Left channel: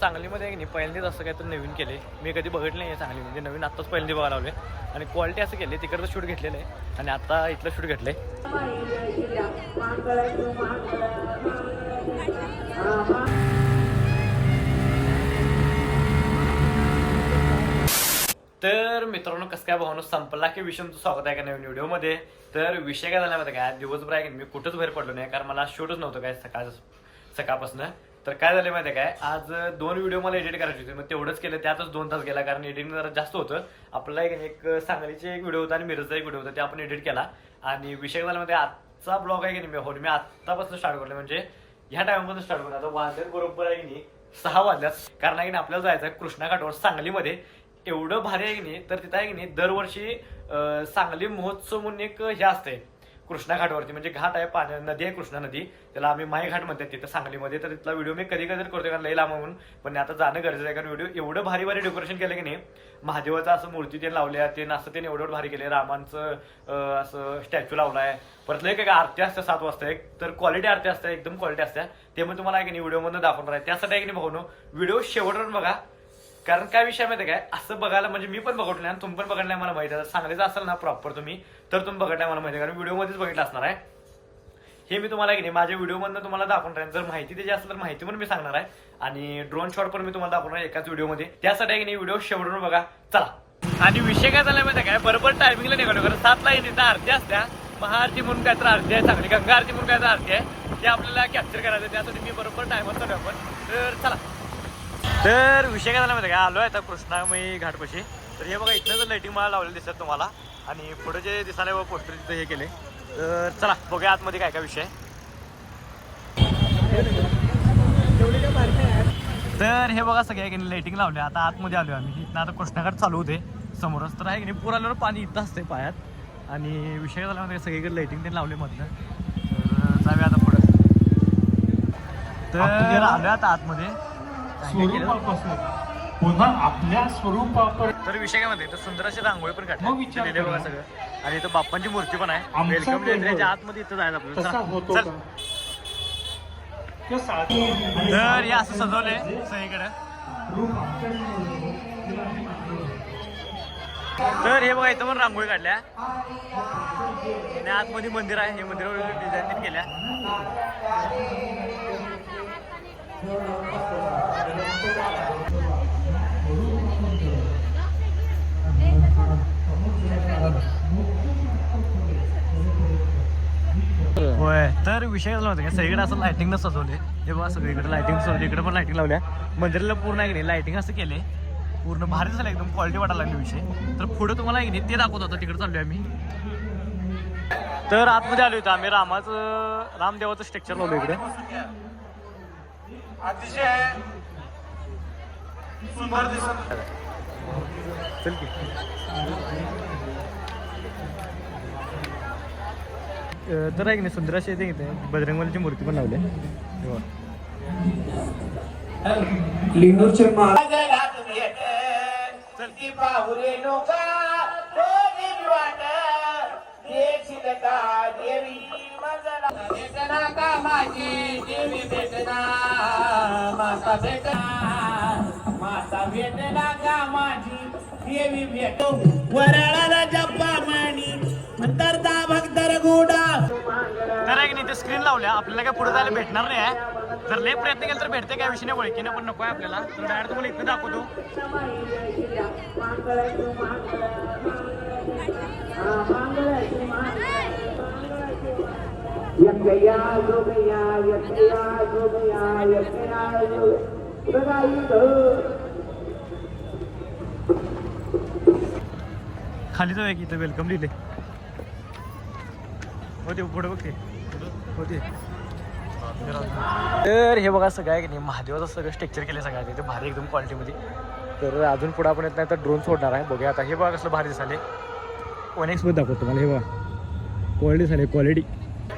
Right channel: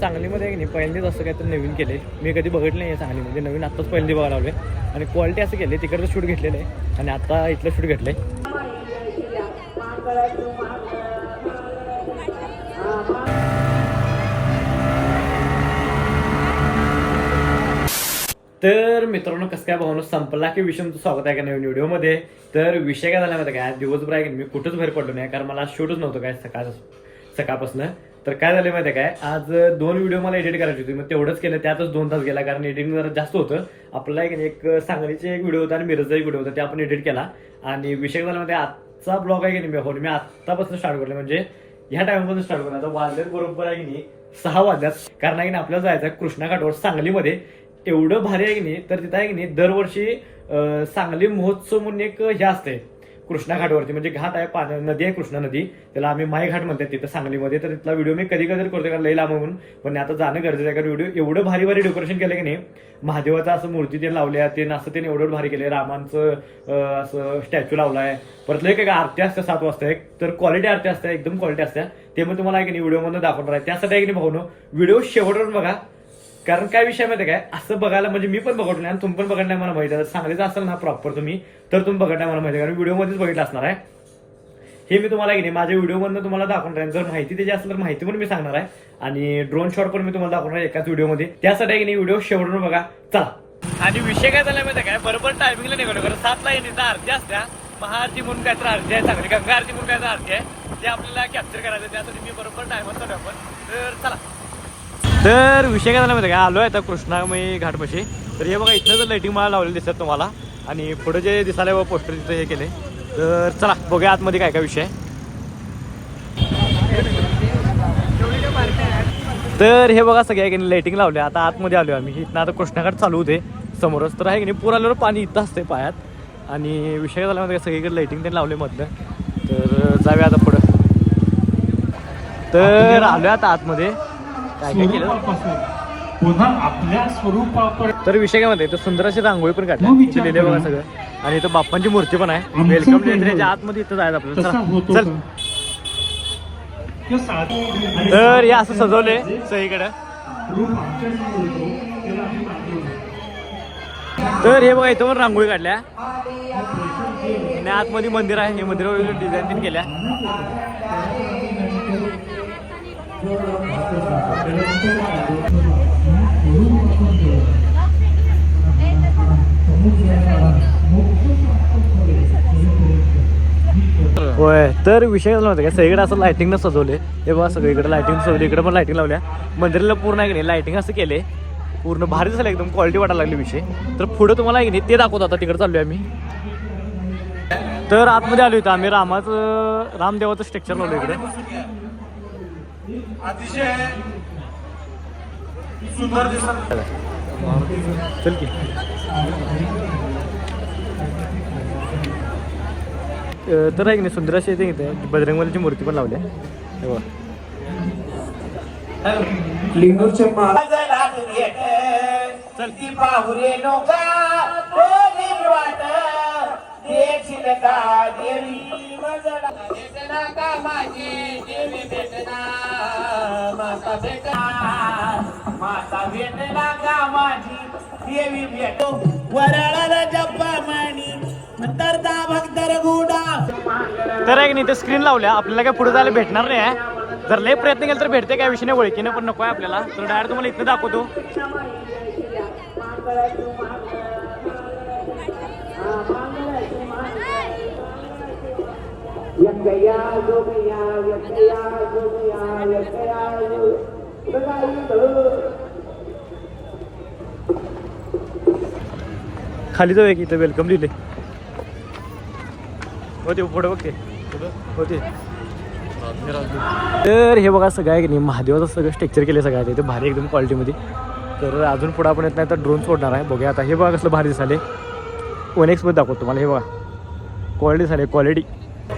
सांगलीमध्ये आहे की नाही पहिल्यांदाच असं काय तर नवीन केले. मी कधी बघितलं नाही आहे सांगलीमध्ये, नवीन आत्ताच पहिल्यांदा बघायला लावले आणि क्वालिटी असं केले. तिकडचं शूट घेतलेलं आहे आणि आता इथलं शूट घेतलं आहे. तर मित्रांनो कसं काय भावना संपला की विषय तुमचं स्वागत आहे का नवीन व्हिडिओमध्ये. तर विषय काय झाला माहिती काय, दिवसभर आहे की मी कुठंच बाहेर पडलो नाही कारण मला शूटच नव्हतं काय सकाळपासून. तर काय झालं माहिती काय, आज 2 व्हिडिओ मला एडिट करायचे होते. मग तेवढंच केलं, त्यातच 2 तास गेला कारण एडिटिंग जरा जास्त होतं. आपल्याला एक सांगलीचे एक व्हिडिओ होता आणि मिरजचा एक व्हिडिओ होता, ते आपण एडिट केला. आणि विषय झाला माहिती आजचा ब्लॉग आहे की नाही, मी आत्तापासून स्टार्ट करलो, म्हणजे ह्या टाइमपासून स्टार्ट करलो. आता वाजल्यात बरोबर आहे की नाही 6 वाजल्यात, कारण आहे की नाही आपल्याला जायचं आहे कृष्णाघाटवर सांगलीमध्ये. एवढं भारी आहे की नाही, तर तिथं आहे की नाही दरवर्षी सांगली महोत्सव म्हणून एक हे असते कृष्णाघाटवरती, म्हणजे घाट आहे, पाणी नदी आहे कृष्णा नदी, त्याला आम्ही माई घाट म्हणतात तिथं सांगलीमध्ये. तर तिथला व्हिडिओ मी कधी करतो कारण लई लांब म्हणून, पण आता जाणं गरजेचं आहे कारण व्हिडिओ एवढं भारी भारी डेकोरेशन केलं की नाही. महादेवाचं असं मूर्ती ते लावल्या, ते असं ते एवढं भारी केले. रामांचं असं स्टॅच्यू लावलाय. परत लई काय आरती असते 7 वाजता एक, तर क्वालिटी आरती असते, एकदम क्वालिटी असते. ते मी तुम्हाला आहे की नाही व्हिडिओमध्ये दाखवणार आहे. त्यासाठी आहे की नाही भाऊनो व्हिडिओ शेवटवरून बघा, कारण काय विषय माहिती काय, असं बघायला म्हणजे मी पण बघतो नाही आणि तुम्ही पण बघत नाही मला माहिती आहे. सांगलीचं असेल ना प्रॉपर तुम्ही, तर तुम्ही बघत नाही मला माहिती आहे, कारण व्हिडिओमध्येच बघितलं असणार आहे. हे मी तुम्हाला की नाही माझ्या व्हिडिओमधून तुम्हाला दाखवणार आहे. जर माहिती त्याची असेल तर माहिती पण मी सांगणार आहे आणि ड्रोन शॉट पण मी तुम्हाला दाखवणार आहे एकाच व्हिडिओमध्ये. त्यासाठी की नाही व्हिडिओ शेवटून बघा, चला. आणि विषय काय झाला माहिती काय, बरोबर टायमिंगला निघालो कारण 7ला तिथं आरती असत्या, महाआरती म्हणून काय तर आरती आहे, चांगली गंगा आरती म्हणून काय तर आरती आहे, ते आपल्याला कॅप्चर करायचं. त्यासाठी मी बरोबर टायमात चालू आपण, तर चला. तर विषय काय झाला माहिती काय, आलोय आता कृष्णामयी घाटपाशी. तर हे बघा इथलं तर लाइटिंग मला लावलेलं दिसत तुम्हाला, आणि पुढे जे दिसायला बघा पोस्टर तिथं हे केले. तर चला बघूया आतमध्ये काय काय विषय. तर हे बघा सगळ्या की लाइटिंग लावले. आता आतमध्ये आलोय आम्ही. इथनं आता कृष्णाघाट चालू होते समोरच, तर आहे की नाही पूर आल्यावर पाणी इथं असते पायात. आणि विषय झाला माहिती काय, सगळीकडे लाइटिंग त्यांनी लावले मधलं. तर जाऊया आता पुढं. तर आलोय आता आतमध्ये. काय काय केलं पुन्हा आपल्या स्वरूपाकडे. तर विषय काय म्हणते, तर सुंदर अशी रांगोळी पण काढली लिहिले बघा सगळं. आणि इथं बाप्पांची मूर्ती पण आहे. वेलकम लेटरेच्या आतमध्ये इथं जायचं आपल्याला, चल. तर हे असं सजवले सगळीकडे. तर हे बघा इथं पण रांगोळी काढल्या आणि आतमध्ये मंदिर आहे. हे मंदिर डिझाईन तीन केल्या. होय, तर विषय झाला होता का, सगळीकडे असं लाइटिंग न सजवले. हे बघा सगळीकडे लाइटिंग सजवली, इकडे पण लाइटिंग लावल्या. मंदिराला पूर्ण आहे की नाही लाइटिंग असं केले, पूर्ण भारी झालं, एकदम क्वालिटी वाटायला लागली विषय. तर पुढे तुम्हाला आहे की नाही ते दाखवतो. आता तिकडे चाललोय आम्ही. तर आतमध्ये आलो होतो आम्ही. रामदेवाचं स्ट्रक्चर लावलं इकडे. अतिशय सुंदर दिसत. चल की. तर आहे की नाही सुंदर अशी येते बजरंगबलीची मूर्ती पण लावली. लिंगूरचे चल की. वराळाला जप्पा माणी अंतरदा भक्तर गुडा. तर आहे की नाही ते स्क्रीन लावल्या, आपल्याला काय पुढे जायला भेटणार नाही आहे. जर लय प्रयत्न केला तर भेटते, काय विषय नाही, ओळखीनं पण नको आहे आपल्याला. तर डायरेक्ट तुम्हाला इथं दाखवतो. खाली जाऊया की, इथं वेलकम लिहिले होते पुढे बघते होते. तर हे बघा सगळं आहे की नाही महादेवाचं सगळं स्ट्रक्चर केलं सगळं आहे ते भारी एकदम क्वालिटीमध्ये. तर अजून पुढं आपण येत नाही तर ड्रोन सोडणार आहे. बघूया आता. हे बघा कसलं भारी दिसाले. 1x मध्ये दाखवतो तुम्हाला. हे बघा क्वालिटी झाली क्वालिटी.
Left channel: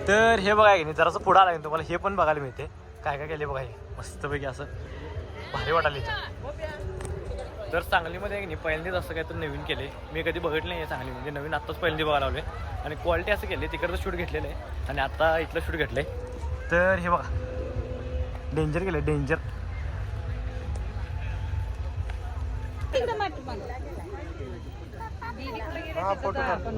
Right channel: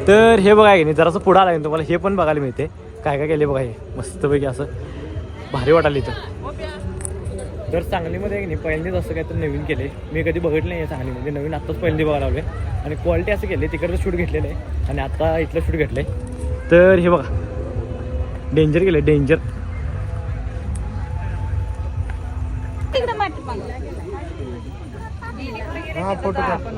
तर हे बघा की नाही जरासं पुढं आलं की तुम्हाला हे पण बघायला मिळते काय काय केले बघा. हे मस्तपैकी असं भारी वाटायला इथं. तर सांगलीमध्ये आहे की नाही पहिल्यांदाच असं काय तर नवीन केले. मी कधी बघितलं नाही सांगलीमध्ये, नवीन आत्ताच पहिल्यांदा बघायला लावले. आणि क्वालिटी असं केली, तिकडचं शूट घेतलेलं आहे आणि आता इथलं शूट घेतलं आहे. तर हे बघा डेंजर केलं, डेंजर. हा फोटो काढतो.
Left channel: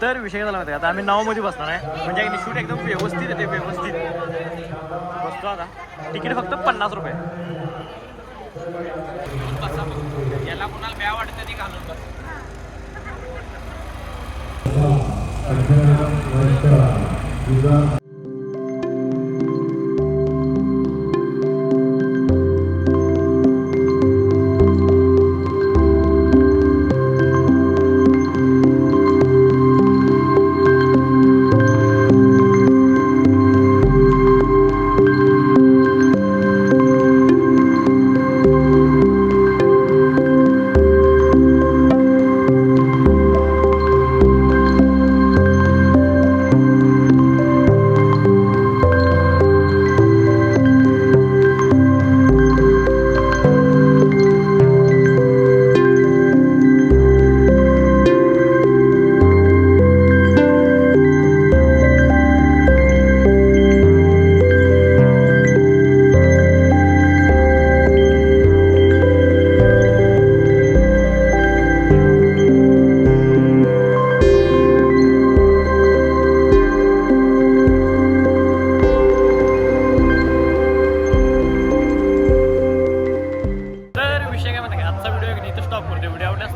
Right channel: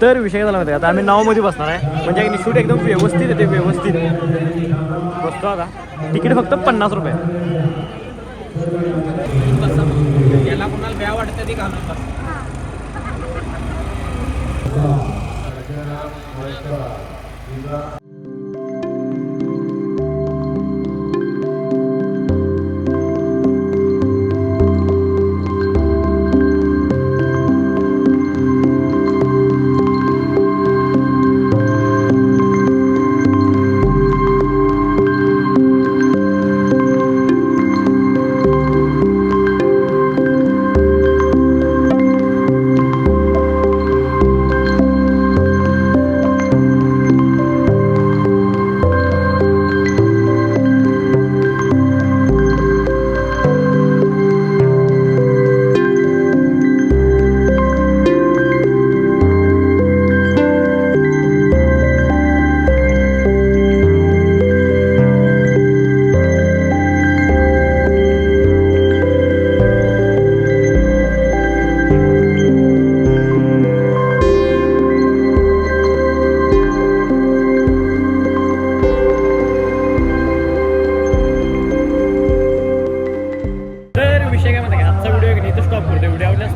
तर विषय झाला माहिती आता आम्ही नावमध्ये बसणार आहे म्हणजे शूट एकदम व्यवस्थित येते व्यवस्थित बसतो. आता तिकीट फक्त 50 रुपये. याला कोणाला भ्या वाटतं ती घालून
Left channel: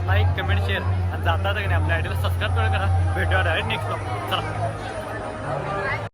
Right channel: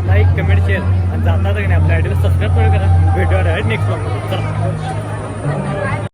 लाईक कमेंट शेअर आणि जाता आपल्या आयडीला सबस्क्राईब करा. भेटूया डायरेक्ट नेक्स्ट ब्लॉग.